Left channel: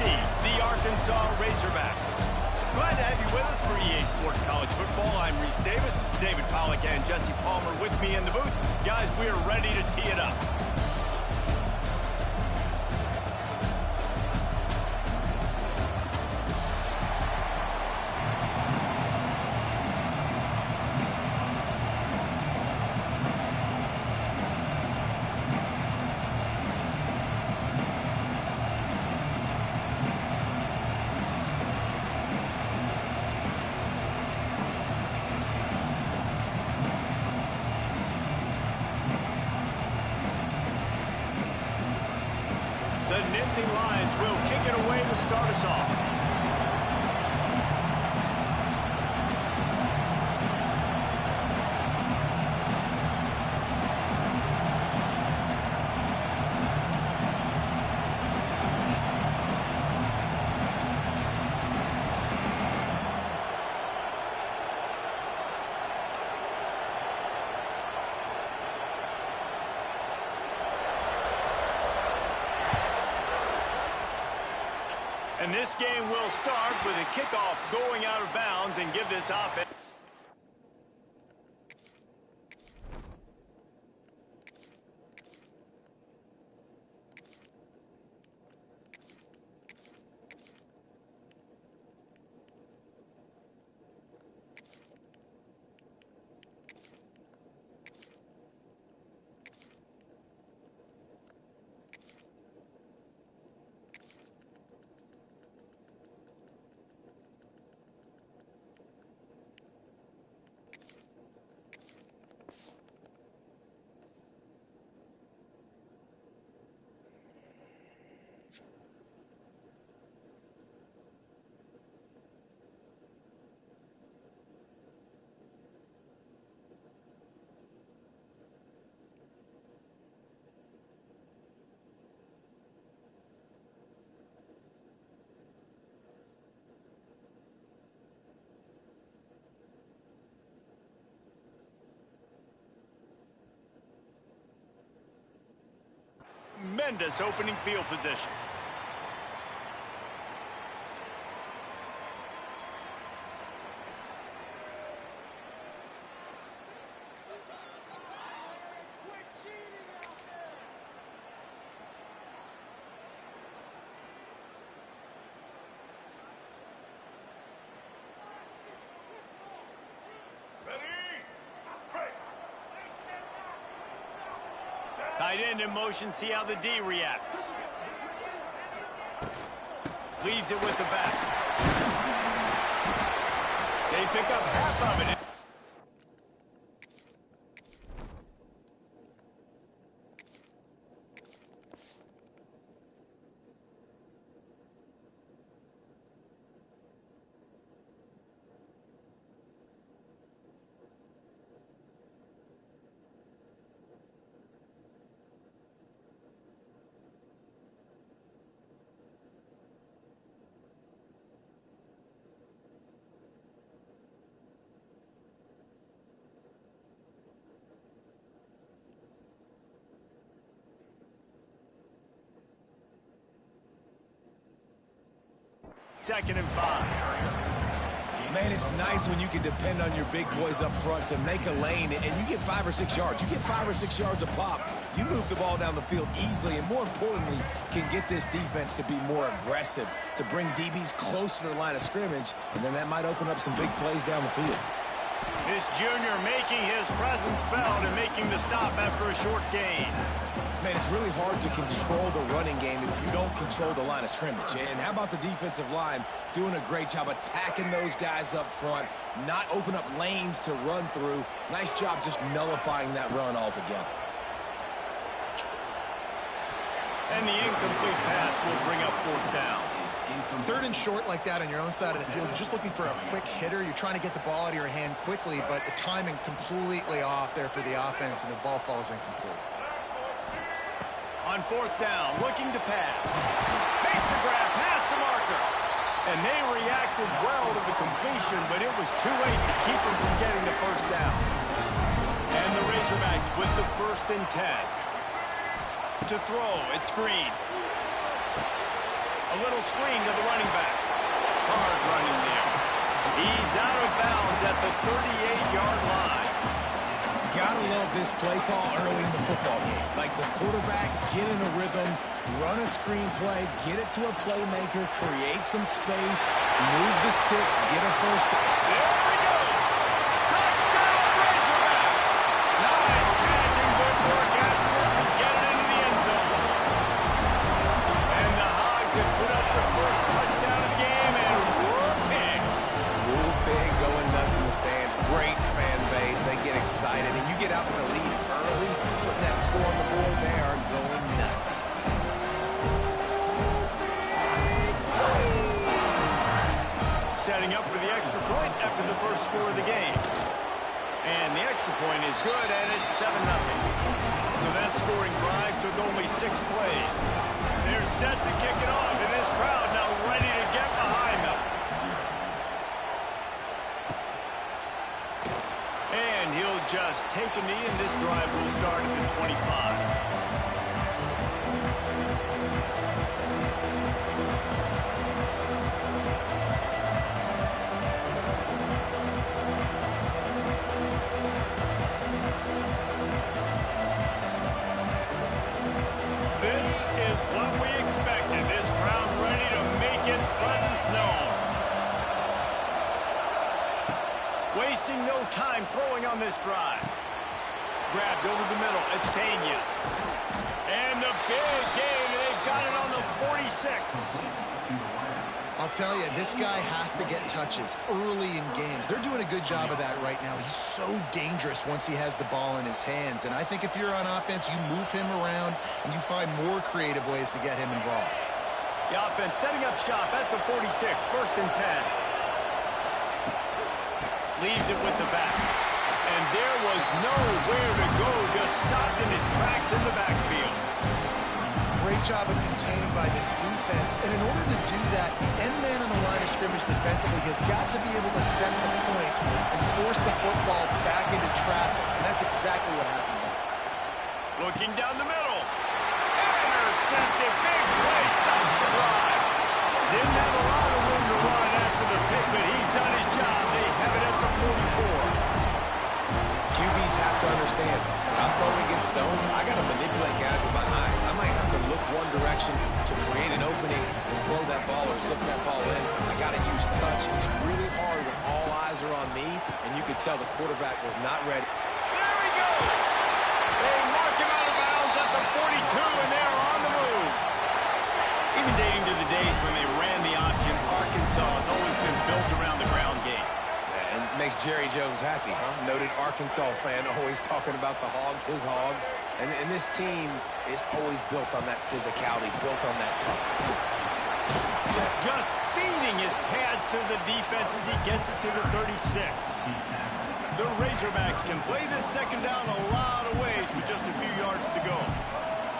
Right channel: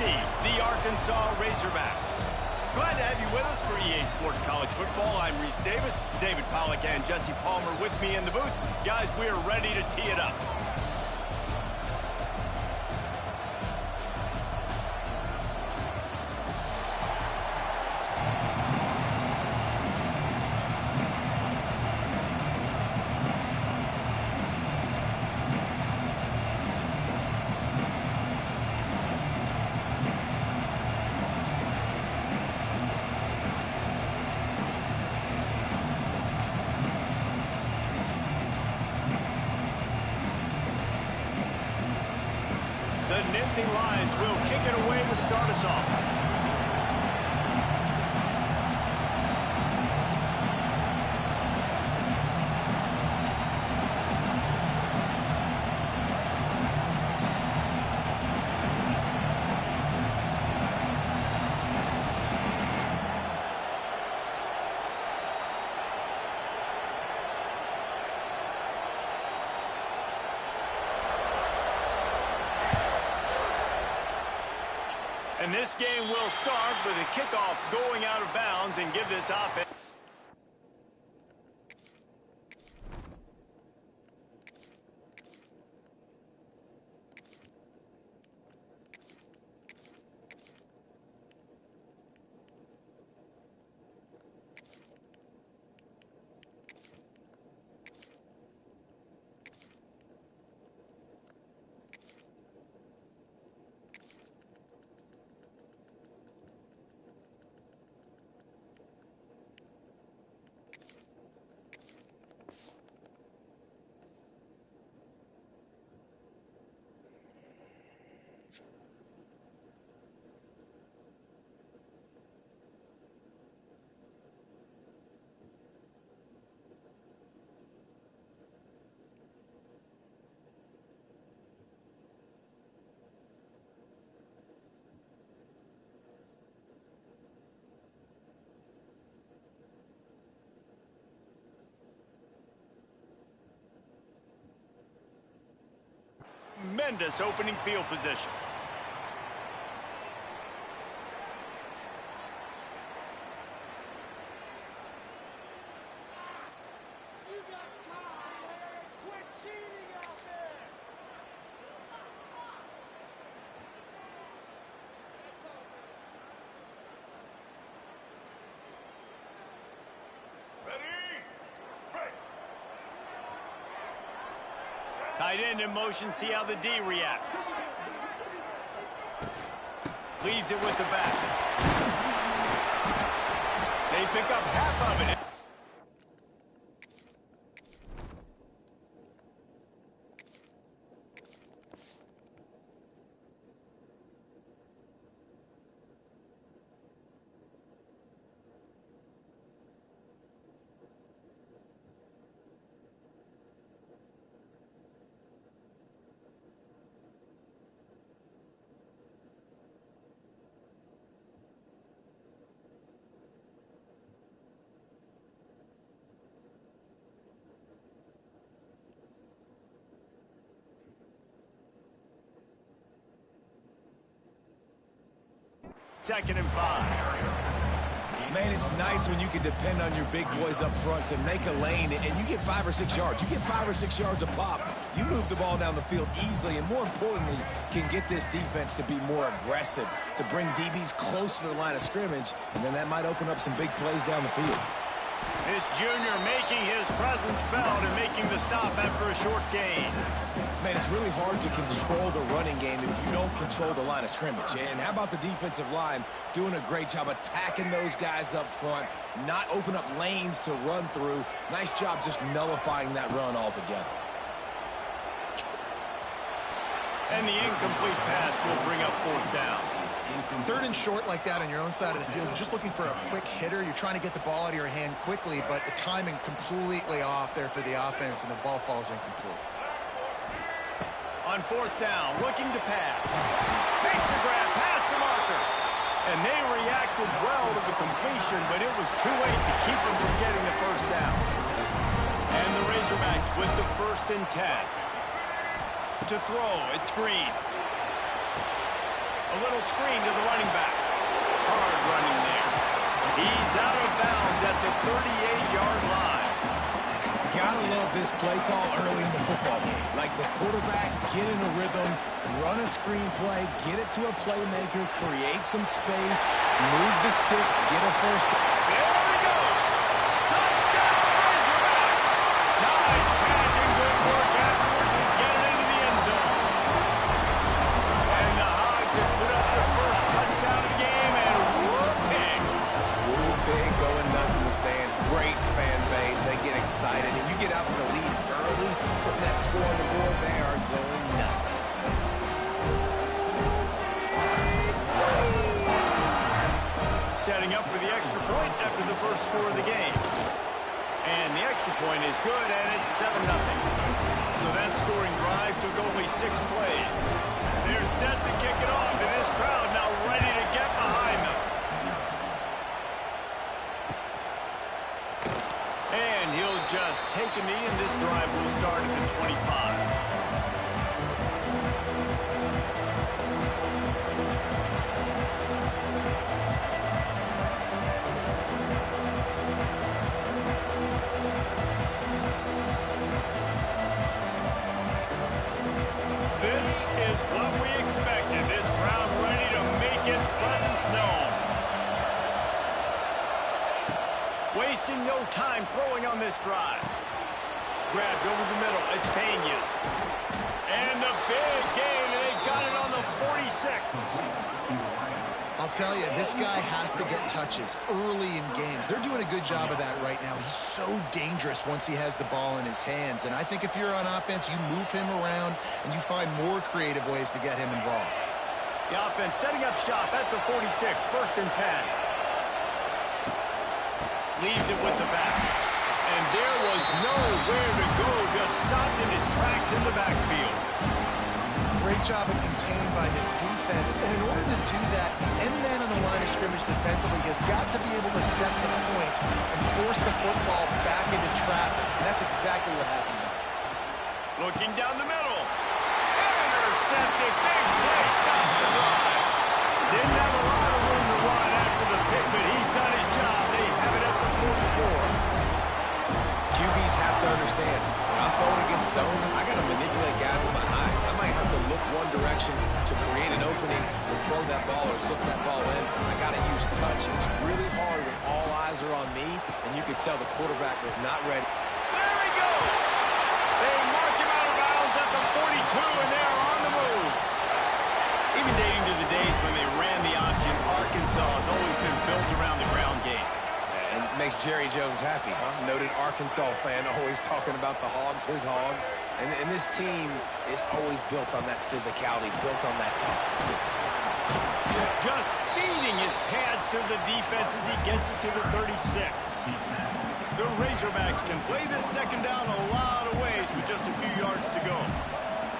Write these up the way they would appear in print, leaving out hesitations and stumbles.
the Arkansas Razorbacks. Glad to have you with us for EA Sports College Football. I'm Reese Davis, David Pollack, and Jesse Palmer with me in the booth. Guys, we are ready to tee it up. The Nittany Lions will kick it away to start us off. And this game will start with a kickoff going out of bounds and give this offense. Tremendous opening field position. Quit cheating out there. Tight end in motion, see how the D reacts. Leaves it with the back. They pick up half of it. Second and 5. Man, it's nice when you can depend on your big boys up front to make a lane, and you get 5 or 6 yards. You get 5 or 6 yards a pop. You move the ball down the field easily, and more importantly, can get this defense to be more aggressive, to bring DBs close to the line of scrimmage, and then that might open up some big plays down the field. This junior making his presence felt and making the stop after a short gain. Man, it's really hard to control the running game if you don't control the line of scrimmage. And how about the defensive line doing a great job attacking those guys up front, not open up lanes to run through. Nice job just nullifying that run altogether. And the incomplete pass will bring up fourth down. Third and short like that on your own side of the field, you're just looking for a quick hitter. You're trying to get the ball out of your hand quickly, but the timing completely off there for the offense, and the ball falls incomplete. On fourth down, looking to pass. Makes the grab, past the marker. And they reacted well to the completion, but it was too late to keep them from getting the first down. And the Razorbacks with the 1st and 10. To throw, it's Green. A little screen to the running back. Hard running there. He's out of bounds at the 38-yard line. Gotta love this play call early in the football game. Like the quarterback, get in a rhythm, run a screen play, get it to a playmaker, create some space, move the sticks, get a first. There he goes. Touchdown, Razorbacks. Nice catch and good work afterwards to get it into the end zone. And the Hogs have put up their first touchdown of the game, and whoop-pig. Whoop-pig going nuts in the stands. Great fan base. They get excited, and you get out to the lead early, putting that score on the board. They are going nuts. Setting up for the extra point after the first score of the game. And the extra point is good, and it's 7-0. So that scoring drive took only 6 plays. They're set to kick it off, and this crowd now ready to get behind them. And he'll just take a knee, and this drive will start at the 25. This is what we expected. This crowd ready to make its presence known. Wasting no time throwing on this drive. Grabbed over the middle. It's Pena. And the big gain, and they've got it on the 46. I'll tell you, this guy has to get touches early in games. They're doing a good job of that right now. He's so dangerous once he has the ball in his hands. And I think if you're on offense, you move him around and you find more creative ways to get him involved. The offense setting up shop at the 46, 1st and 10. Leaves it with the back. And there was nowhere to go, just stopped in his tracks in the backfield. Great job of contained by this defense. And in order to do that, the end man on the line of scrimmage defensively has got to be able to set the point and force the football back into traffic. And that's exactly what happened there. Looking down the middle. Intercepted. Big play. Stops the drive. Didn't have a lot of room to run after the pick, but he's done his job. They have it at the 44. QBs have to understand, when I'm throwing against zones, I got to manipulate guys with my eyes. I might have to look one direction to create an opening to throw that ball or slip that ball in. I got to use touch. It's really hard when all eyes are on me, and you could tell the quarterback was not ready. There he goes. They mark him out of bounds at the 42, and they're on the move. Even dating to the days when they ran the option, Arkansas has always been built around the ground game. And makes Jerry Jones happy, huh? Noted Arkansas fan, always talking about the Hogs, his Hogs. And this team is always built on that physicality, built on that toughness. Just feeding his pads to the defense as he gets it to the 36. The Razorbacks can play this second down a lot of ways with just a few yards to go.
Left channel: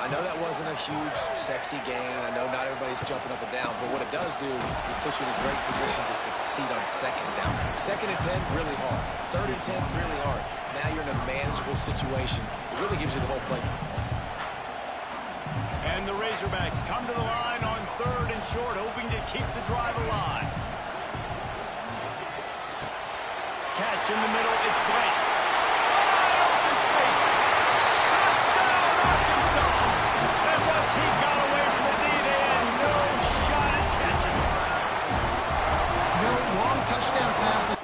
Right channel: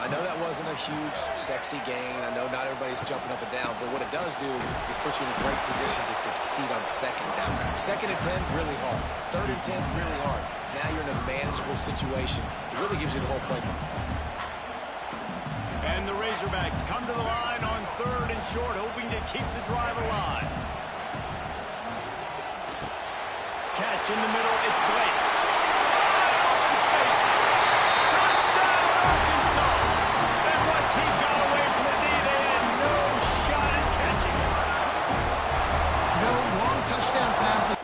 I know that wasn't a huge, sexy gain. I know not everybody's jumping up and down, but what it does do is put you in a great position to succeed on second down. 2nd and 10, really hard. 3rd and 10, really hard. Now you're in a manageable situation. It really gives you the whole playbook. And the Razorbacks come to the line on 3rd and short, hoping to keep the drive alive. Catch in the middle, it's Blake. Wide open spaces. Touchdown, Arkansas! And once he got away from the D, they had no shot at catching him. No long touchdown passes.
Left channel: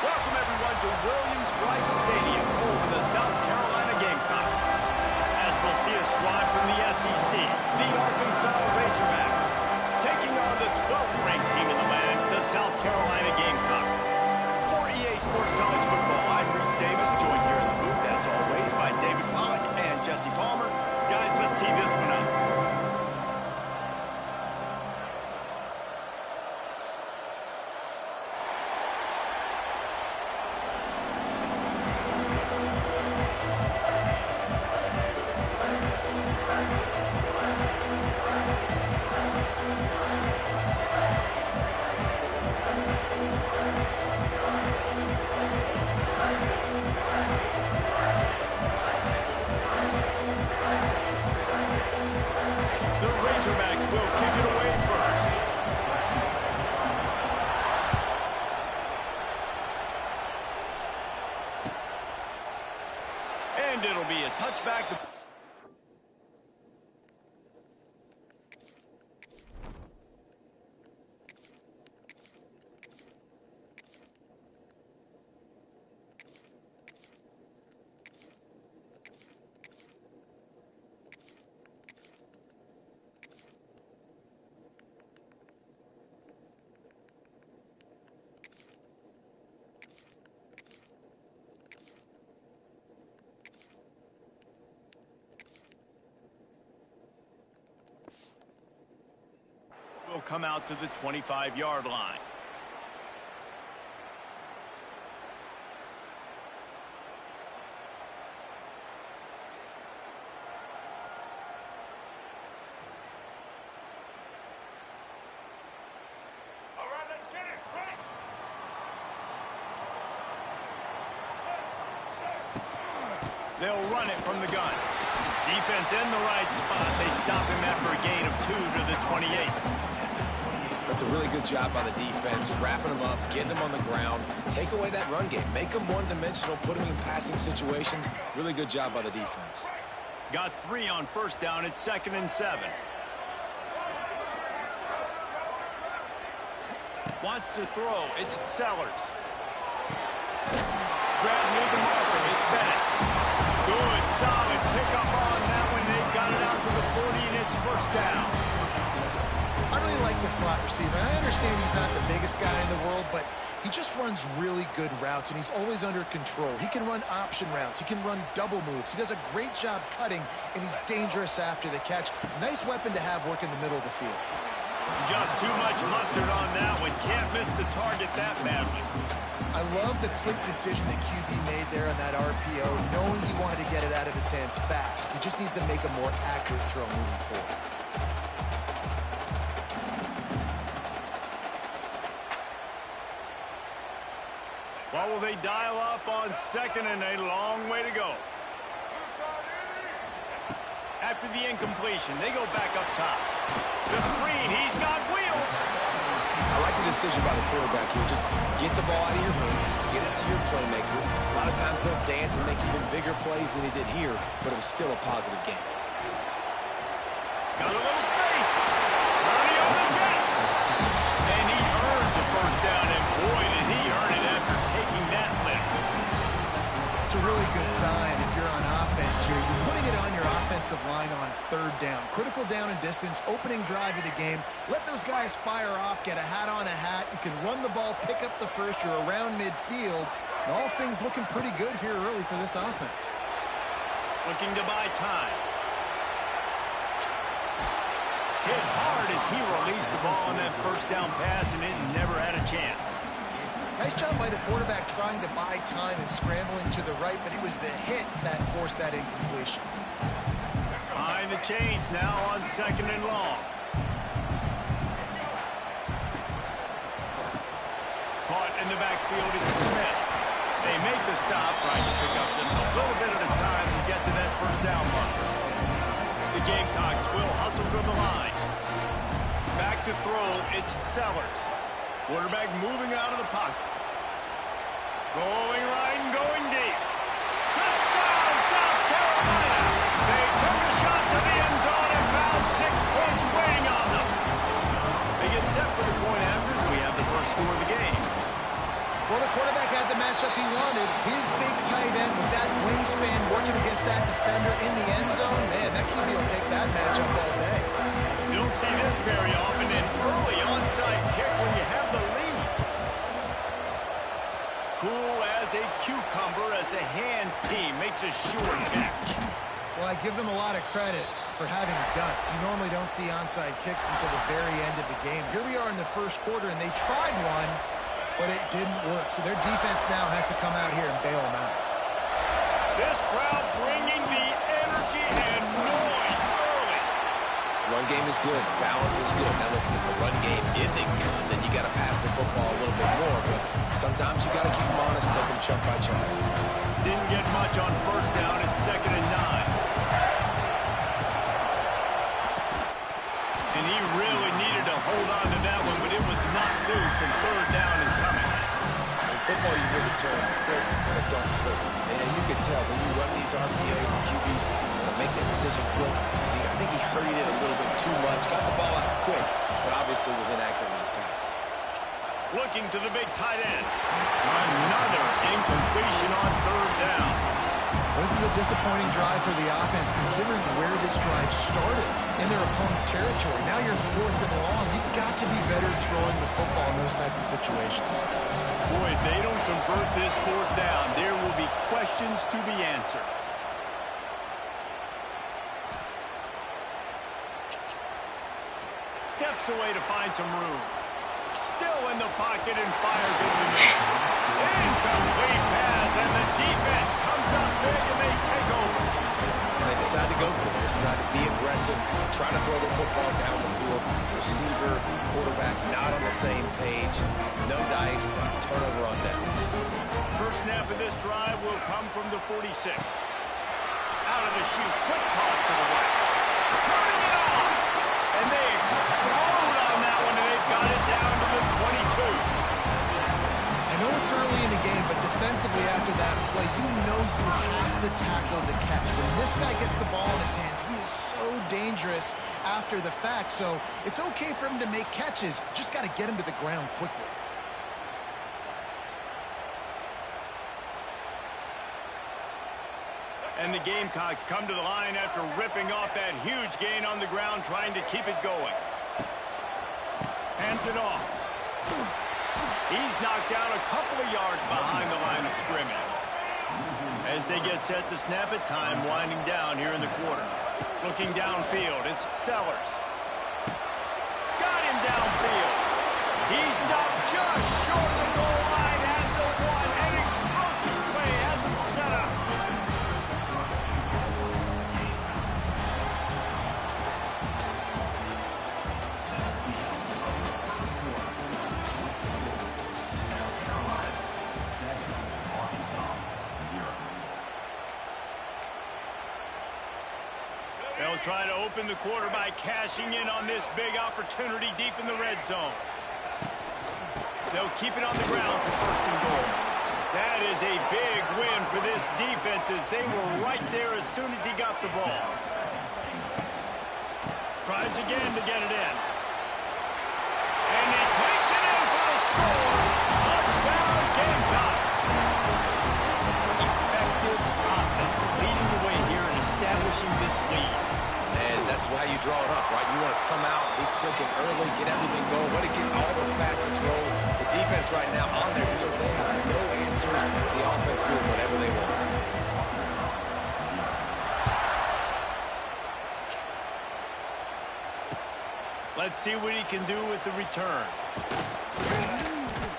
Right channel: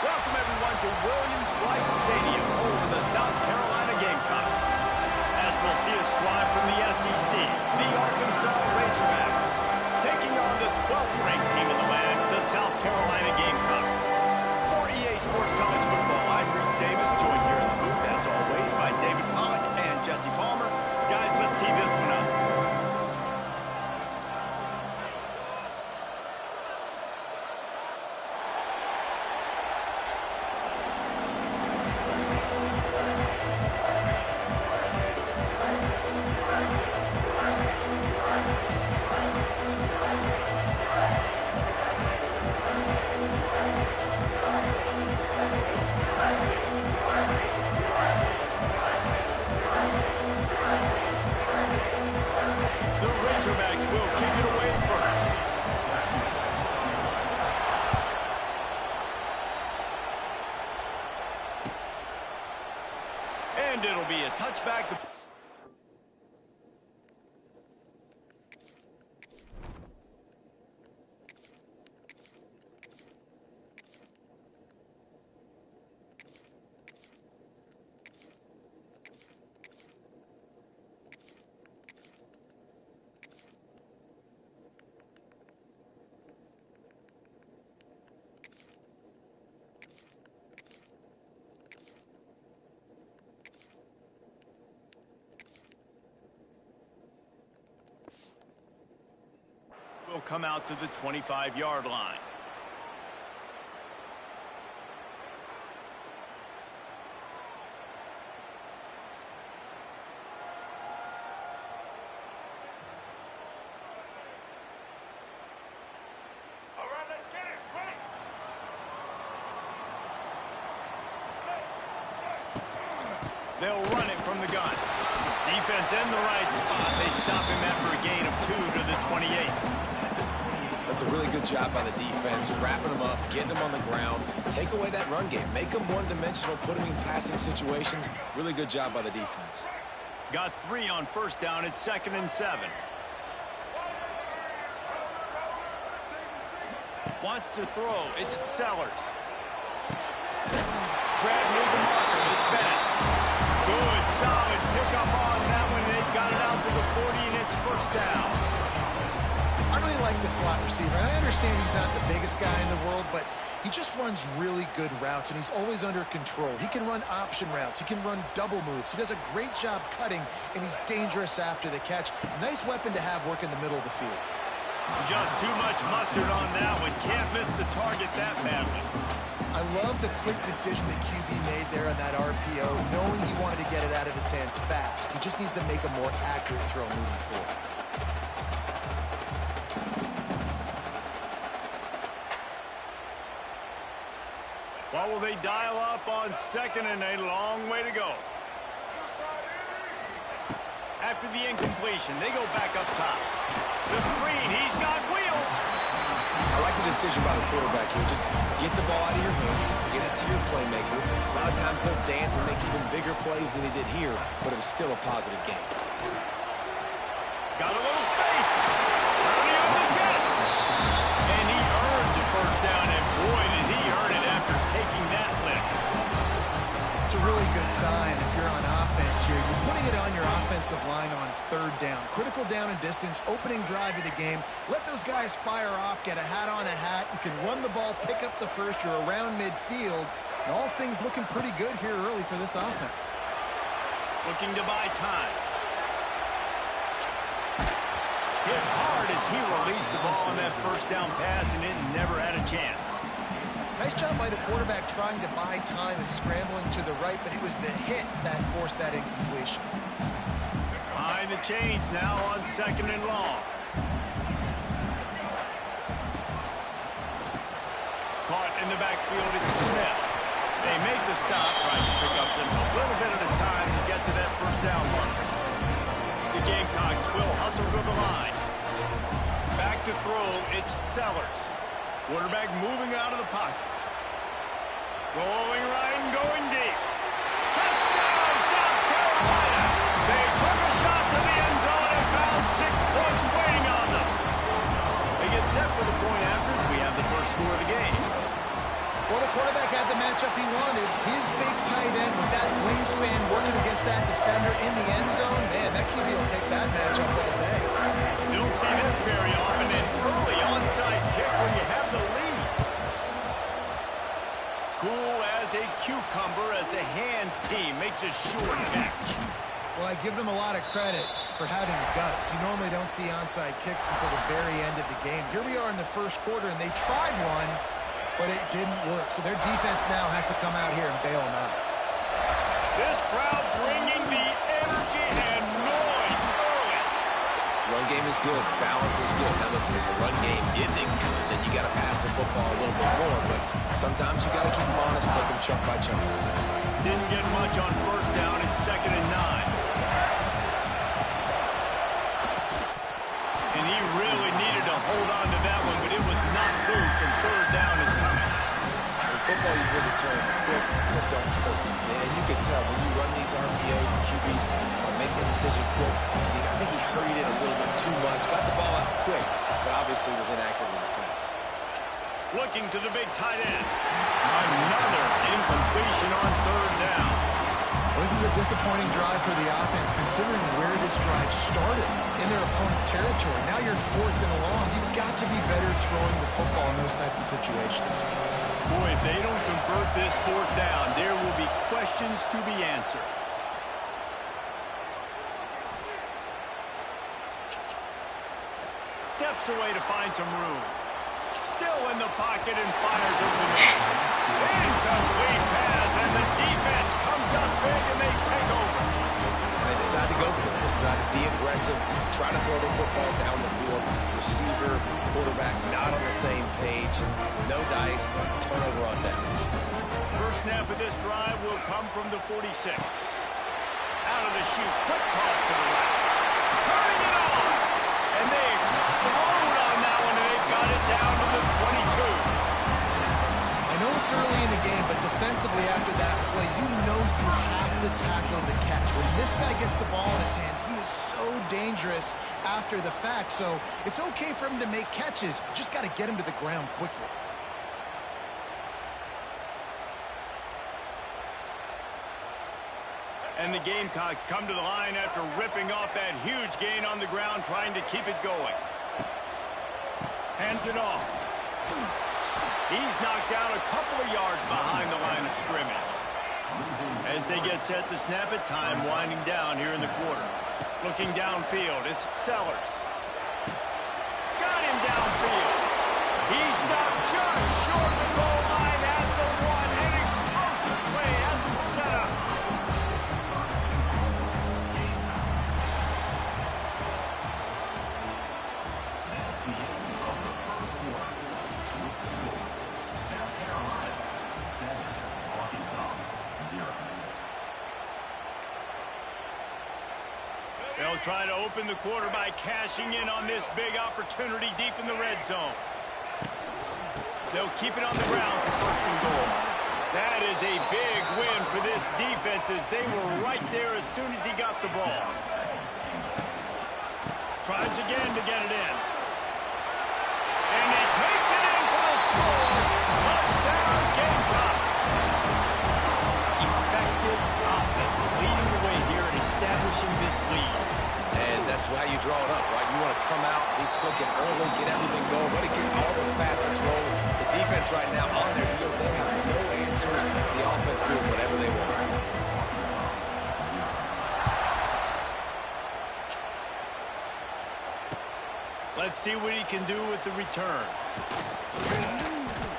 Welcome, everyone, to Williams-Brice Stadium, home of the South Carolina the Arkansas Razorbacks, taking on the 12th ranked team in the land, the South Carolina Gamecocks. For EA Sports College Football, I'm Reese Davis, joined here in the booth, as always, by David Pollack and Jesse Palmer. Guys, let's tee this one up. And it'll be a touchback. Will come out to the 25-yard line. All right, let's get it. Quick. Set. They'll run it from the gun. Defense in the right spot. They stop him after a gain of 2 to the 28. That's a really good job by the defense, wrapping them up, getting them on the ground, take away that run game, make them one-dimensional, put them in passing situations. Really good job by the defense. Got 3 on first down. It's 2nd and 7. Wants to throw. It's Sellers. Grab near the marker. It's Bennett. Good, solid pickup on that one. They've got it out to the 40, and it's first down. I really like the slot receiver. And I understand he's not the biggest guy in the world, but he just runs really good routes, and he's always under control. He can run option routes. He can run double moves. He does a great job cutting, and he's dangerous after the catch. Nice weapon to have work in the middle of the field. Just too much mustard on that one. Can't miss the target that badly. I love the quick decision that QB made there on that RPO, knowing he wanted to get it out of his hands fast. He just needs to make a more accurate throw moving forward. What will they dial up on 2nd and a long way to go? After the incompletion, they go back up top. The screen, he's got wheels. I like the decision by the quarterback here. Just get the ball out of your hands, get it to your playmaker. A lot of times he'll dance and make even bigger plays than he did here, but it was still a positive game. Got a little space. Turning on the Jets. And he earns a first down, and boy, did he earn it after taking that lick. It's a really good sign if you're on offense here. You're putting it on your offensive line on 3rd down. Critical down and distance, opening drive of the game. Let those guys fire off, get a hat on a hat. You can run the ball, pick up the first. You're around midfield. And all things looking pretty good here early for this offense. Looking to buy time. Hit hard as he released the ball on that first down pass, and it never had a chance. Nice job by the quarterback trying to buy time and scrambling to the right, but it was the hit that forced that incompletion. Behind the chains now on 2nd and long. Caught in the backfield, it's Smith. They make the stop, trying to pick up just a little bit at a time to get to that first down marker. The Gamecocks will hustle to the line. Back to throw, it's Sellers. Quarterback moving out of the pocket. Going right and going deep. Touchdown, South Carolina! They took a shot to the end zone and found 6 points waiting on them. They get set for the point after as we have the first score of the game. Well, the quarterback had the matchup he wanted. His big tight end with that wingspan working against that defender in the end zone. Man, that QB will take that matchup all day. don't see this very often, an early onside kick when you have the lead. Cool as a cucumber as the hands team makes a sure catch. Well, I give them a lot of credit for having guts. You normally don't see onside kicks until the very end of the game. Here we are in the first quarter, and they tried one, but it didn't work. So their defense now has to come out here and bail them out. This crowd bringing the energy and noise early. Run game is good. Balance is good. Now listen, if the run game isn't good, then you got to pass the football a little bit more. But sometimes you got to keep them honest, take them chunk by chunk. Didn't get much on first down. It's 2nd and 9. And he really needed to hold on to that one, but it was not loose, and 3rd down is coming. In football, you hear the term quick, but don't hurt. And you can tell when you run these RPAs, the QBs want to make that decision quick. I think he hurried it a little bit too much, got the ball out quick, but obviously was inaccurate with his pass. Looking to the big tight end. Another incompletion on 3rd down. Well, this is a disappointing drive for the offense, considering where this drive started in their opponent territory. Now you're 4th and long. You've got to be better throwing the football in those types of situations. Boy, if they don't convert this 4th down, there will be questions to be answered. Steps away to find some room. Still in the pocket and fires over the middle. Incomplete pass, and the defense comes up big, and they take over. And they decide to go for it. They decide to be aggressive, try to throw the football down the field. Receiver, quarterback, not on the same page. No dice, turnover on downs. First snap of this drive will come from the 46. Out of the chute, quick toss to the right. Turning it on! And they explode on that one, and they've got it down to the 22. I know it's early in the game, but defensively after that play, you know you have to tackle the catch. When this guy gets the ball in his hands, he is so dangerous after the fact. So it's okay for him to make catches. You just got to get him to the ground quickly. And the Gamecocks come to the line after ripping off that huge gain on the ground, trying to keep it going. Hands it off. He's knocked down a couple of yards behind the line of scrimmage. As they get set to snap it, time winding down here in the quarter. Looking downfield, it's Sellers. Got him downfield. He stopped just short of the goal line at the 1. An explosive play has him set up. They'll try to open the quarter by cashing in on this big opportunity deep in the red zone. They'll keep it on the ground for 1st and goal. That is a big win for this defense, as they were right there as soon as he got the ball. Tries again to get it in. And he takes it in for a score. Touchdown, Gamecocks. Effective offense leading the way here and establishing this lead. And that's how you draw it up, right? You want to come out, be clicking early, get everything going, let it get all the facets rolling. The defense right now on their heels, they have no answers. The offense doing whatever they want. Let's see what he can do with the return.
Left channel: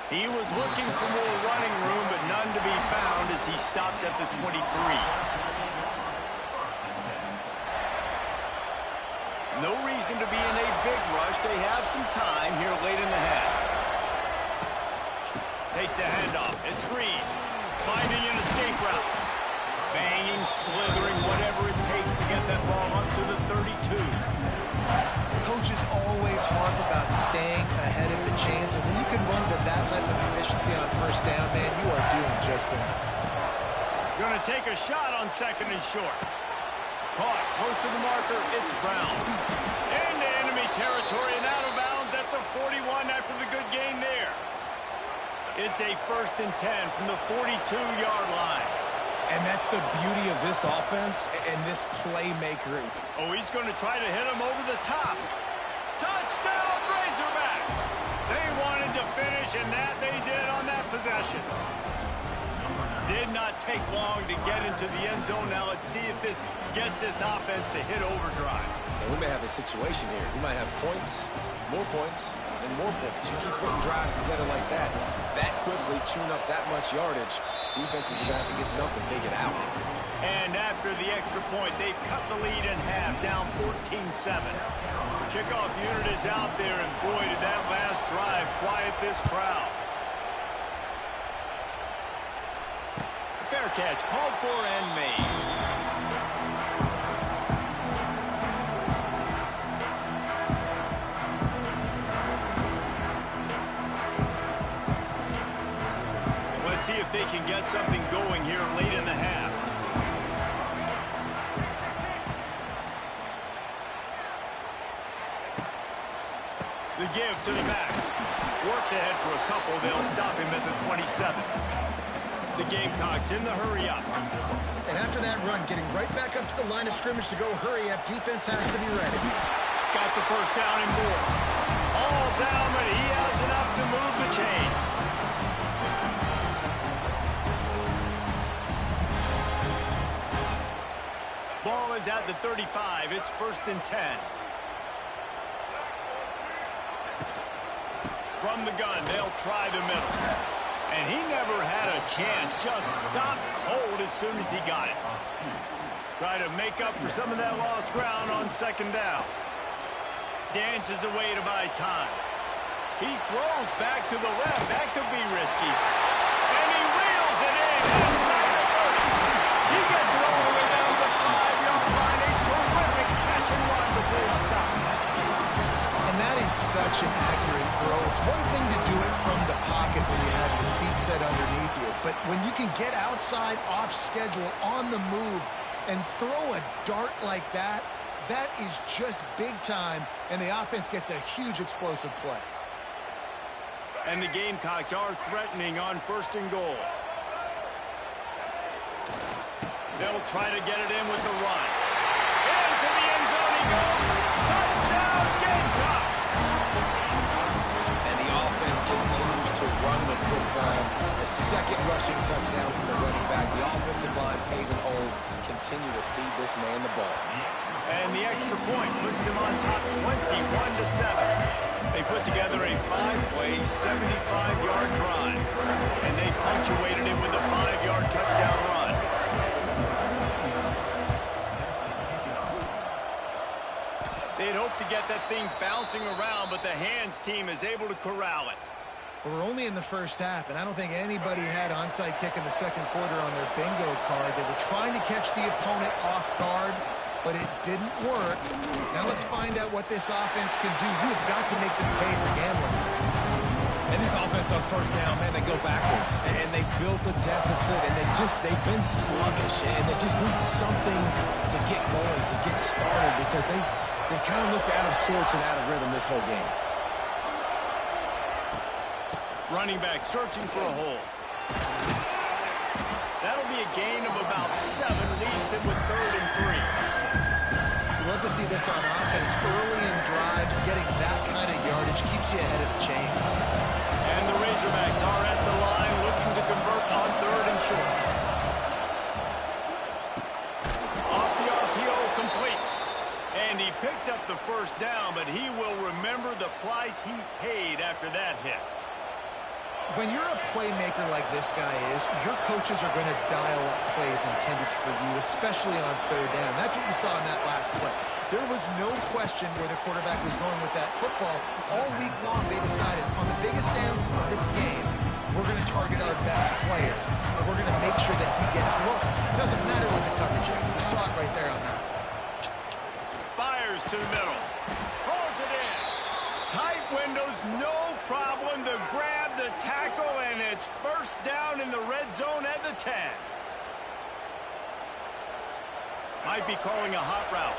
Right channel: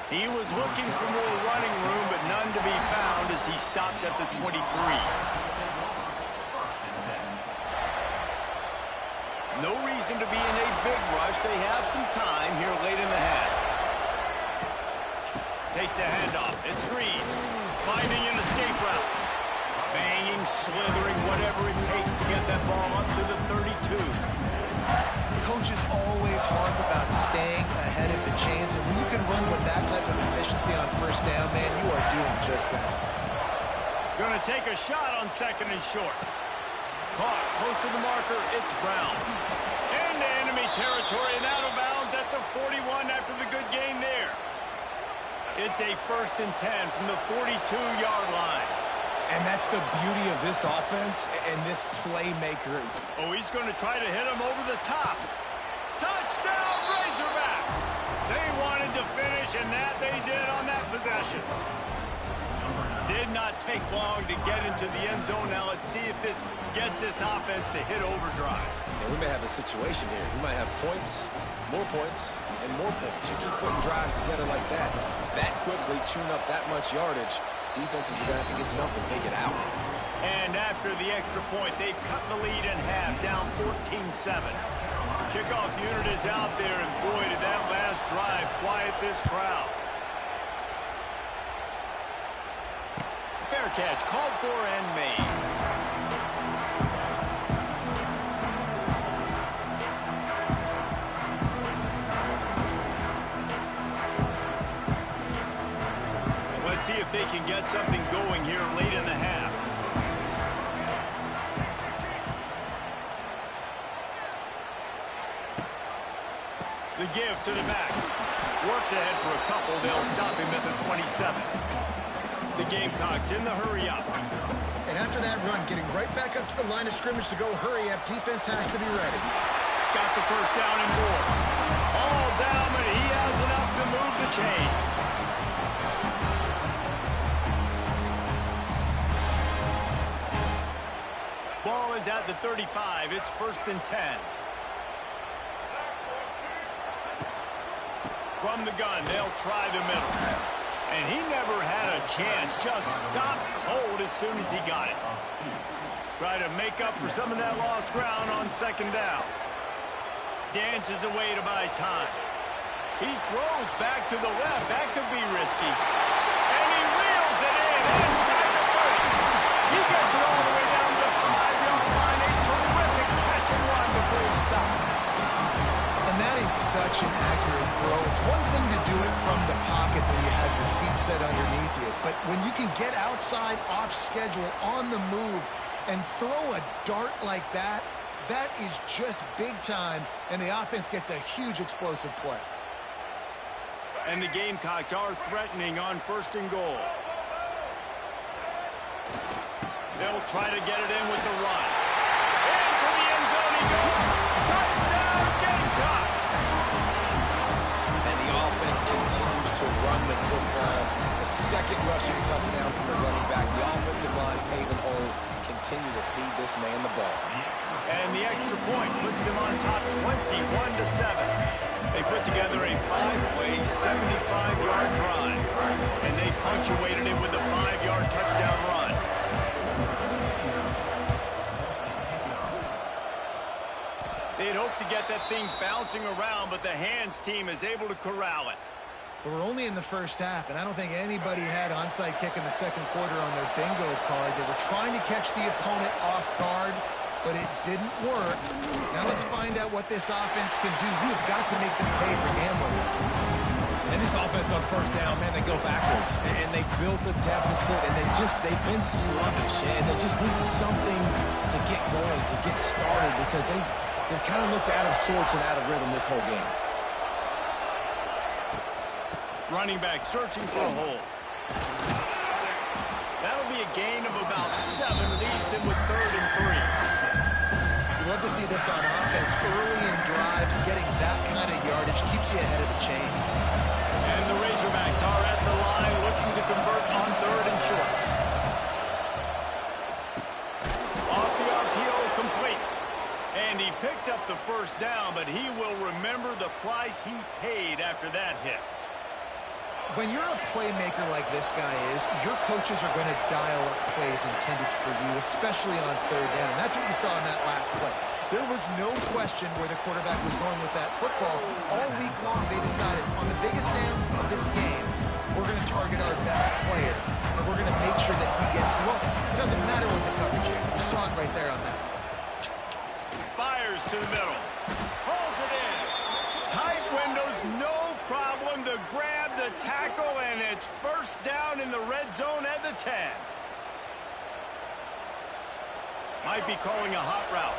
He was looking for more running room, but none to be found as he stopped at the 23. No reason to be in a big rush. They have some time here late in the half. Takes the handoff. It's Green. Finding an escape route. Banging, slithering, whatever it takes to get that ball up to the 32. Coaches always harp about staying ahead of the chains, and when you can run with that type of efficiency on 1st down, man, you are doing just that. Going to take a shot on 2nd and short. Caught close to the marker, it's Brown. Into enemy territory and out of bounds at the 41 after the good gain there. It's a 1st and 10 from the 42-yard line. And that's the beauty of this offense and this playmaker. Oh, he's going to try to hit him over the top. Touchdown, Razorbacks! They wanted to finish, and that they did on that possession. Did not take long to get into the end zone. Now let's see if this gets this offense to hit overdrive. And we may have a situation here. We might have points, and more points. You keep putting drives together like that quickly, tune up that much yardage, defenses are going to have to get something figured out. And after the extra point, they've cut the lead in half, down 14-7. The kickoff unit is out there, and boy, did that last drive quiet this crowd. Fair catch, called for and made. Let's see if they can get something going here late in the half. The give to the back. Works ahead for a couple. They'll stop him at the 27. The Gamecocks in the hurry-up. And after that run, getting right back up to the line of scrimmage to go hurry-up, defense has to be ready. Got the first down and more. All down, but he has enough to move the chains. Ball is at the 35. It's 1st and 10. From the gun, they'll try the middle. And he never had a chance. Just stopped cold as soon as he got it. Try to make up for some of that lost ground on 2nd down. Dances away to buy time. He throws back to the left. That could be risky. And he reels it in inside the 30. He gets it all the way down to the 5-yard line. A terrific catch and run before he stopped. And that is such an accurate throw. It's one thing to do it from the pocket when you have your feet set underneath you. But when you can get outside, off schedule, on the move, and throw a dart like that, that is just big time. And the offense gets a huge explosive play. And the Gamecocks are threatening on 1st and goal. They'll try to get it in with the run. Into the end zone he goes. Touchdown, Gamecocks! And the offense continues to run the football. The 2nd rushing touchdown from the running back. The offensive line paving holes. Continue to feed this man the ball. And the extra point puts them on top 21-7. They put together a 5-play, 75-yard drive. And they punctuated it with a 5-yard touchdown run. They'd hoped to get that thing bouncing around, but the hands team is able to corral it. But we're only in the first half, and I don't think anybody had onside kick in the 2nd quarter on their bingo card. They were trying to catch the opponent off guard, but it didn't work. Now let's find out what this offense can do. You have got to make them pay for gambling. And this offense on 1st down, man, they go backwards. And they built a deficit, and they've been sluggish, and they just need something to get going, to get started, because they've kind of looked out of sorts and out of rhythm this whole game. Running back searching for a hole. That'll be a gain of about 7, leaves him with 3rd and 3. You love to see this on offense. Early in drives, getting that kind of yardage keeps you ahead of the chains. And the Razorbacks are at the line looking to convert on 3rd and short. Off the RPO, complete. And he picked up the 1st down, but he will remember the price he paid after that hit. When you're a playmaker like this guy is, your coaches are going to dial up plays intended for you, especially on 3rd down. That's what you saw in that last play. There was no question where the quarterback was going with that football. All week long, they decided on the biggest downs of this game, we're going to target our best player, and we're going to make sure that he gets looks. It doesn't matter what the coverage is. You saw it right there on that. Fires to the middle. Pulls it in. Tight windows, no problem to grab the tackle, and it's 1st down in the red zone at the 10. Might be calling a hot route.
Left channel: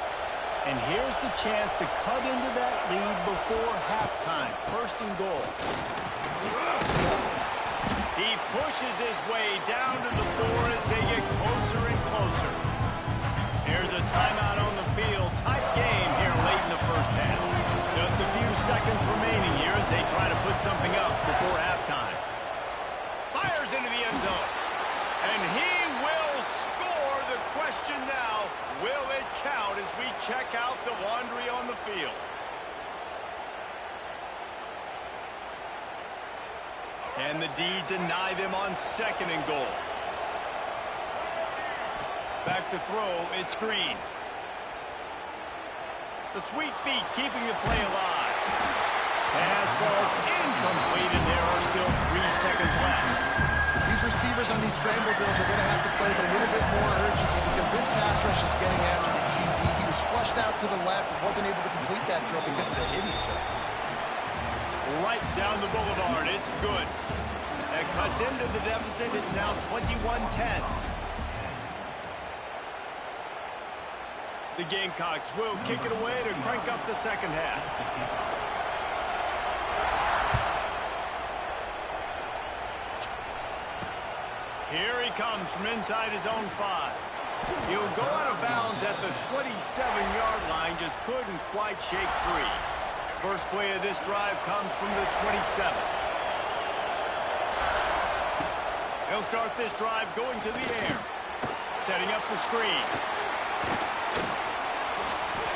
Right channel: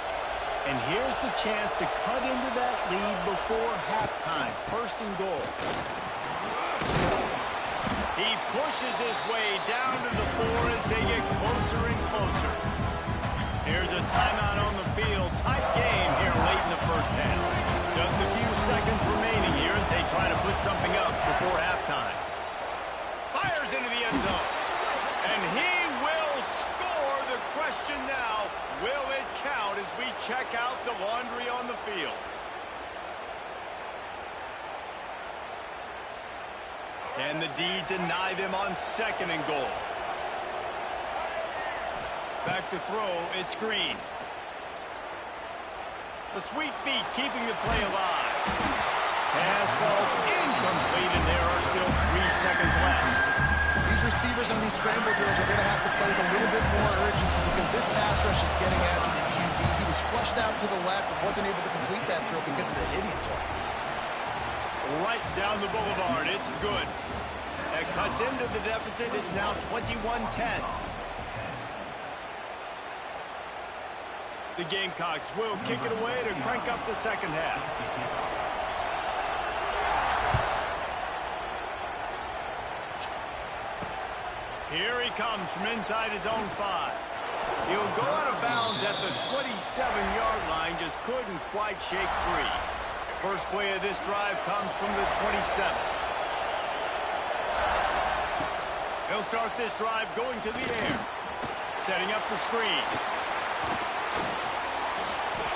And here's the chance to cut into that lead before halftime. 1st and goal. He pushes his way down to the 4 as they get closer and closer. Here's a timeout on the field. Tight game here late in the 1st half. Just a few seconds remaining here as they try to put something up before halftime. Fires into the end zone. And he will score. The question now, will it count as we check out the laundry on the field? Can the D deny them on 2nd and goal? Back to throw, it's Green. The sweet feet keeping the play alive. Pass falls incomplete, and there are still 3 seconds left. These receivers on these scramble drills are going to have to play with a little bit more urgency because this pass rush is getting after the QB. He was flushed out to the left and wasn't able to complete that throw because of the hit he took. Right down the boulevard. It's good. That cuts into the deficit. It's now 21-10. The Gamecocks will kick it away to crank up the second half. Here he comes from inside his own 5. He'll go out of bounds at the 27-yard line. Just couldn't quite shake free. First play of this drive comes from the 27. He'll start this drive going to the air. Setting up the screen.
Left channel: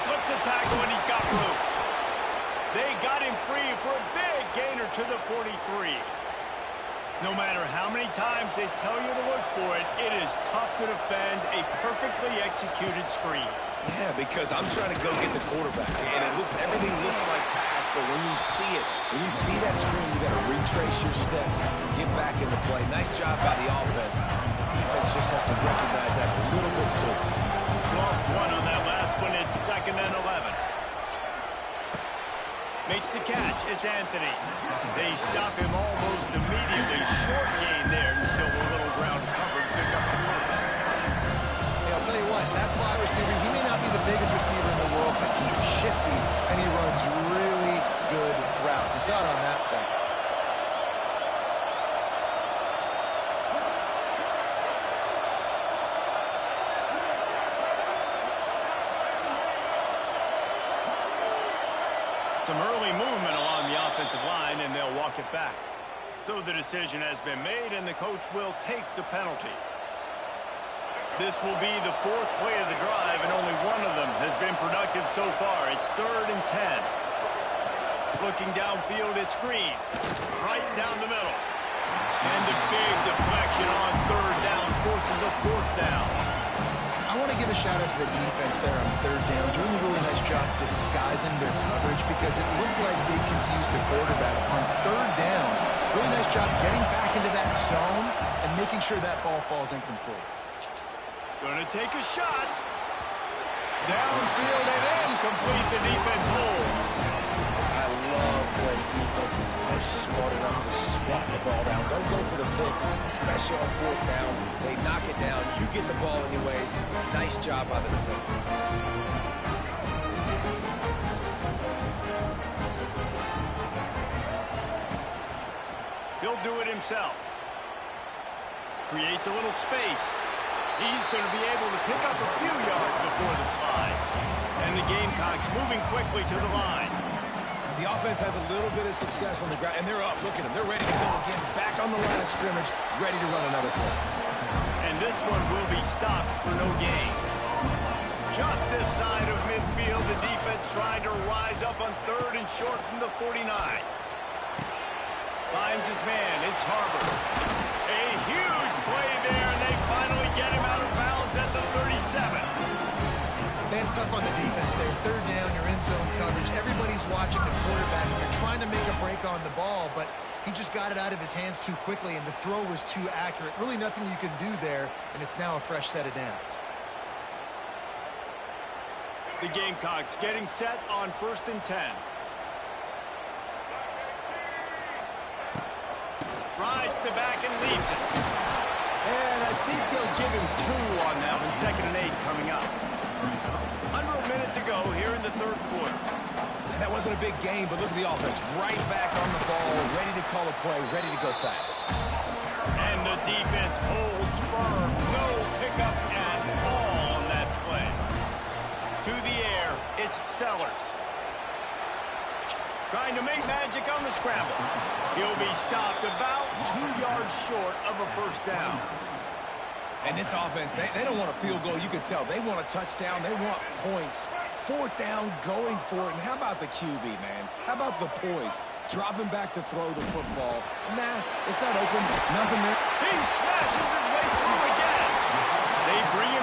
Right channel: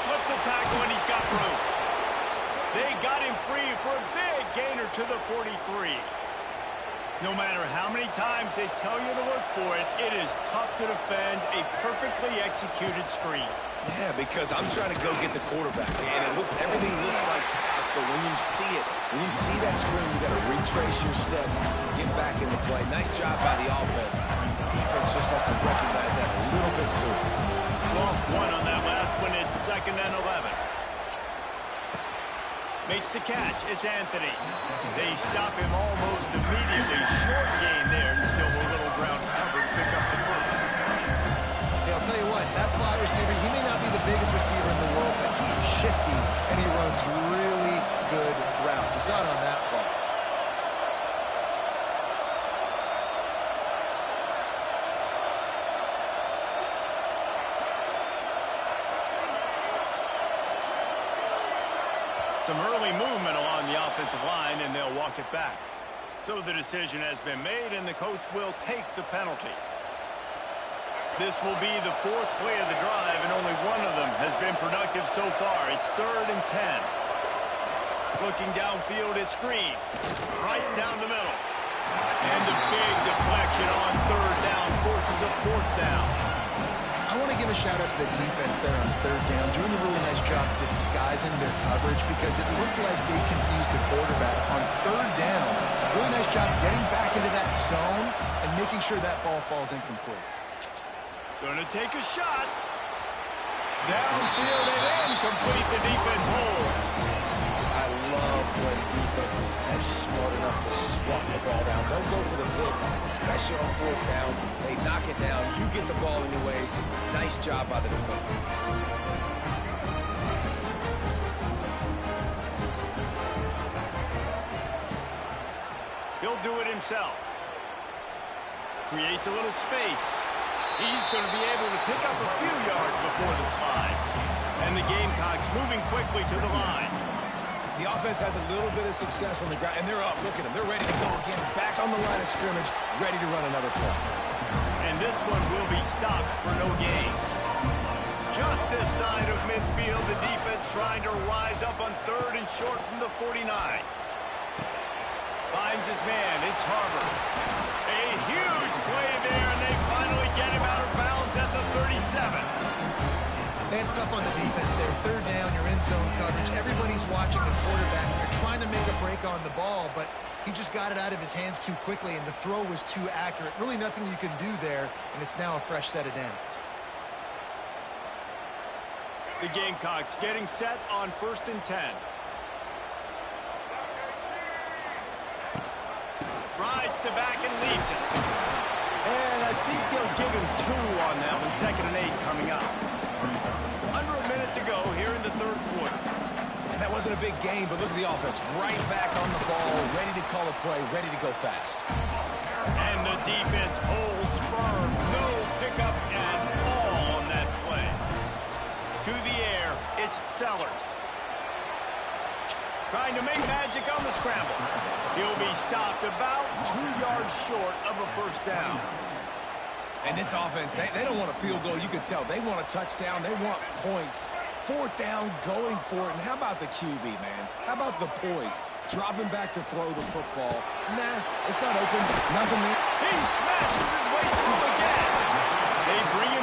Slips a tackle and he's got room. They got him free for a big gainer to the 43. No matter how many times they tell you to look for it, it is tough to defend a perfectly executed screen. Yeah, because I'm trying to go get the quarterback, and everything looks like pass, but when you see that screen, you got to retrace your steps, get back into play. Nice job by the offense. The defense just has to recognize that a little bit sooner. Lost one on that last one. It's 2nd and 11. Makes the catch. It's Anthony. They stop him almost immediately. Short gain there, and still a little ground to cover to pick up the first. Hey, I'll tell you what, that slot receiver, he may not be the biggest receiver in the world, but he is shifty, and he runs really good routes. You saw it on that play. Some early movement along the offensive line, and they'll walk it back. So the decision has been made, and the coach will take the penalty. This will be the 4th play of the drive, and only one of them has been productive so far. It's 3rd and 10. Looking downfield, it's Green. Right down the middle. And the big deflection on 3rd down forces a 4th down. I want to give a shout-out to the defense there on 3rd down, doing a really nice job disguising their coverage because it looked like they confused the quarterback on 3rd down. Really nice job getting back into that zone and making sure that ball falls incomplete. Going to take a shot. Downfield and incomplete. The defense holds. I love when defenses are smart enough to swat the ball down. Don't go for the pick, especially on 4th down. They knock it down. You get the ball anyways. Nice job by the defender. He'll do it himself. Creates a little space. He's going to be able to pick up a few yards before the slide. And the Gamecocks moving quickly to the line. The offense has a little bit of success on the ground, and they're up. Look at them. They're ready to go again. Back on the line of scrimmage, ready to run another play. And this one will be stopped for no gain. Just this side of midfield, the defense trying to rise up on 3rd and short from the 49. Finds his man. It's Harbor. A huge play there, and they finally get him out of bounds at the 37. It's tough on the defense there. 3rd down, you're in zone coverage. Everybody's watching the quarterback, and you're trying to make a break on the ball, but he just got it out of his hands too quickly, and the throw was too accurate. Really nothing you can do there, and it's now a fresh set of downs. The Gamecocks getting set on 1st and 10. Rides the back and leaves it. And I think they'll give him 2 on that one. 2nd and 8 coming up. Under a minute to go here in the 3rd quarter. And that wasn't a big game, but look at the offense. Right back on the ball, ready to call a play, ready to go fast. And the defense holds firm. No pickup at all on that play. To the air, it's Sellers. trying to make magic on the scramble. He'll be stopped about 2 yards short of a first down. And this offense, they don't want a field goal. You can tell. They want a touchdown. They want points. 4th down, going for it. And how about the QB, man? How about the poise? Dropping back to throw the football. Nah, it's not open. Nothing there. He smashes his way through again. They bring him